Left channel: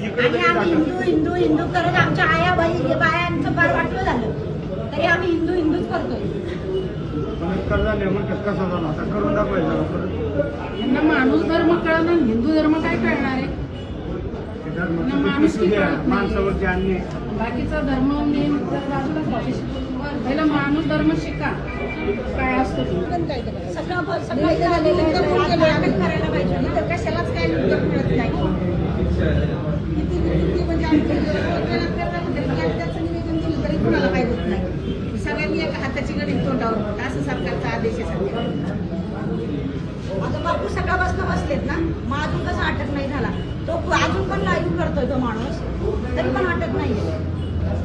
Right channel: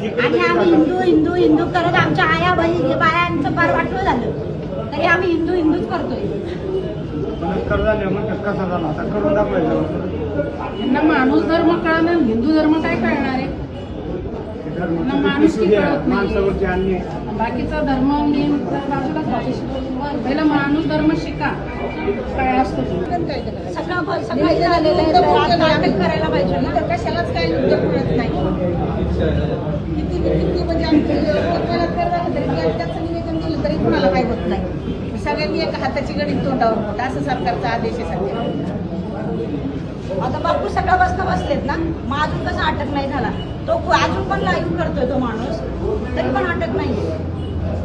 आणि आम्ही हिंदू हिंदू हिंदू करत आमच्या आया बहिणी बायांचं फार वाटलं झालं तरी आम्ही हिंदू हिंदूच करतोय. करून दाखवायचं ना माणूस धर्म कळणं हिंदू धर्म काय कळणार आहे ना माणूस माणसावरती अन्याय बाकीचा धर्म नेम बाजूलाच पहिला माणूस धर्म शिका काय असतो सगळं झालेलं आहे नाटक करायला पाहिजे ना तर कशालाच काही उद्योग मिळत नाही. किती म्हणजे त्याचं निवेदन दिलं तरी कुणाला काही होत नाही. सगळ्यांनी एका हाताची गणित तोंडावर होतं असं सरकारचा आदेश आहे सगळ्या. आता बापू सकाळपासून बसलेत ना मग अजून कसं अटक नाही झाला तो अजून पण लाईव्ह करतोय तो माणूस तरी पण अटक नाही.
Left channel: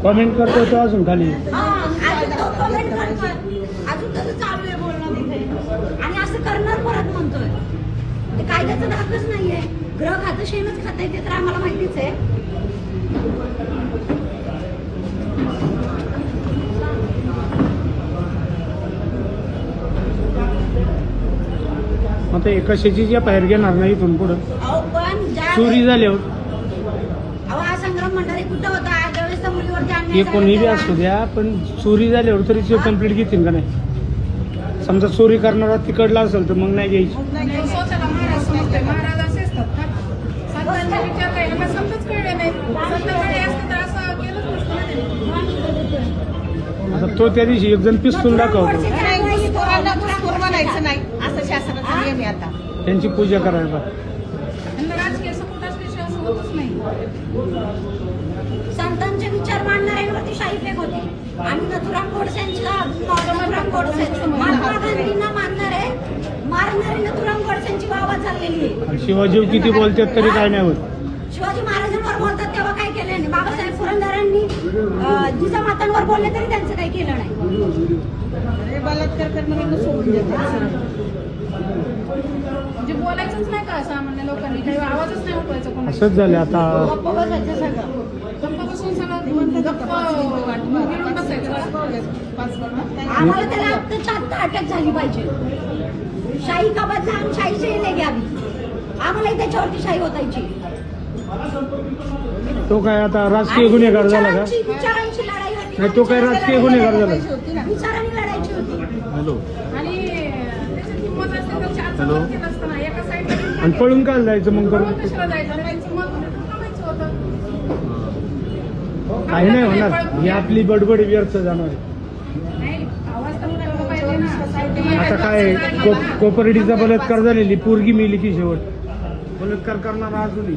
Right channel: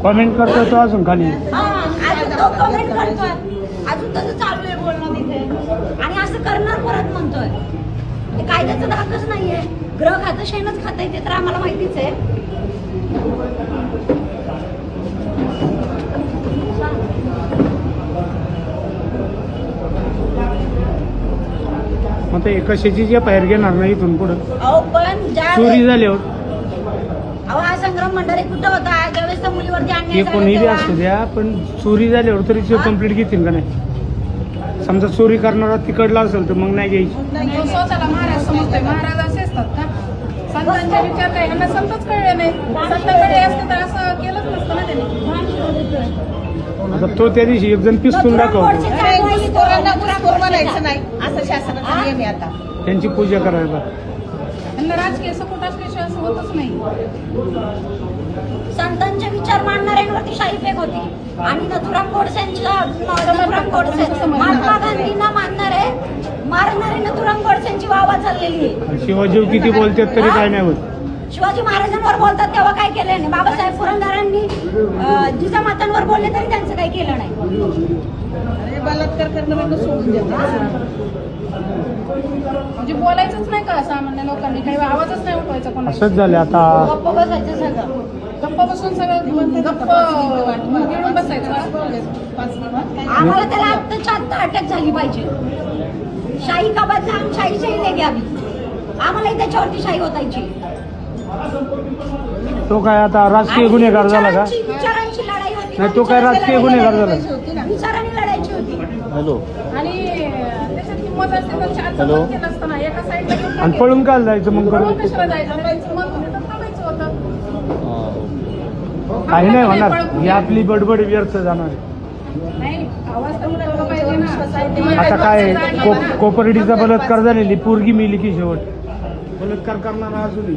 कमेंट करतोय तो अजून खाली अजून तो कमेंट करतोय अजून तसं चालू आहे बोलणं तिथे आणि असं करणार परत म्हणतोय. ते कायद्याचा धाकच नाहीये. ग्रह खातं शेणच खाताय ते तर आम्हाला माहितीच आहे. आता एका शेतीच्या बाहेर घेणार नाही इथून पुढं अहो पण ज्या चोरी झाल्यावर अहो हा संग्राम मंडळी कुठं होता ज्यावेळेस त्या मुलीवरती अन्याय हे झाला कोणीही तेव्हा? असू द्या पण चोरी झाल्यावर तरी ते कंप्लीट घेतील का नाही. समजा चोरी करणारा तिकडला असेल तर मग नाही घ्यायची. तो स्वतःला महाराज समजतोय महाराज असे असतात का संतांचा विचार नाही यांना संतच कळले नाही संतांकडे असते तर असं केलंच नसतं ना त्यांनी. आता तो त्या दिवशी एकदम पिस्तूल दाखवतो म्हणायचं नाही असं शासनाचं नियम आहे आता. त्यांची पूजा करायला त्यांना राजकीय सपोर्ट असल्याशिवाय असं होतच नाही. संतांचे विचार मांडणाऱ्यांवरती शाही फेक होती आणि नथुराम नथुराम गोडसे महात्मा गांधींना मानणारे मारणारे नथुराम गोडसेंची वावा चाललेली आहे. शिवाजी किती बोलतात तरी काय नाही होत. शिवाजी महाराजांवर बोलतात तेव्हा काय केलं नाही. बाबासाहेब पुरंदरांनी जिजामातांवर बोलले तरी त्यांचं काही केलं नाही. बलात्कार करणं म्हणजे सोडून देतात म्हणजे बोलायचंच नाही का सामान्य लोकांनी काही आवाजच नाही उठवायचा कोणाला. असंच झालं आता गप्प बसायचं सगळं. गप्पा बसून सगळं गप्प गिळून बसायचं आम्हाला त्याला आत्ताच्या आत्ता अटक झाली पाहिजे. शाही का बदनाम शाही नाही घ्यावी. आम्हालाही त्याच्यावरती शाही होतायची. तो काय आता राजकीय गुन्हेगार झाला का विचारांची लढाई होती. नाही तो काय राजकीय गुन्हेगार झाला. विचारांनी लढायची होती. हॅलो आणि त्याच्यात किंमत असते तर चार मत केलं असतं ना एका साईडला आणि पळून काय जायचं मग करून कशाला जायचं त्यांचं मत होतं तर काढायचं होतं. काही नाही होणार ही आपली बडबड व्यर्थ जाणार आहे. नाही आवाज तर उठवला पाहिजे ना. आता काय कोपर्डीचा बलात्कार झालेली पोरगी मिली की शेवट बलात्कार करणार अजूनही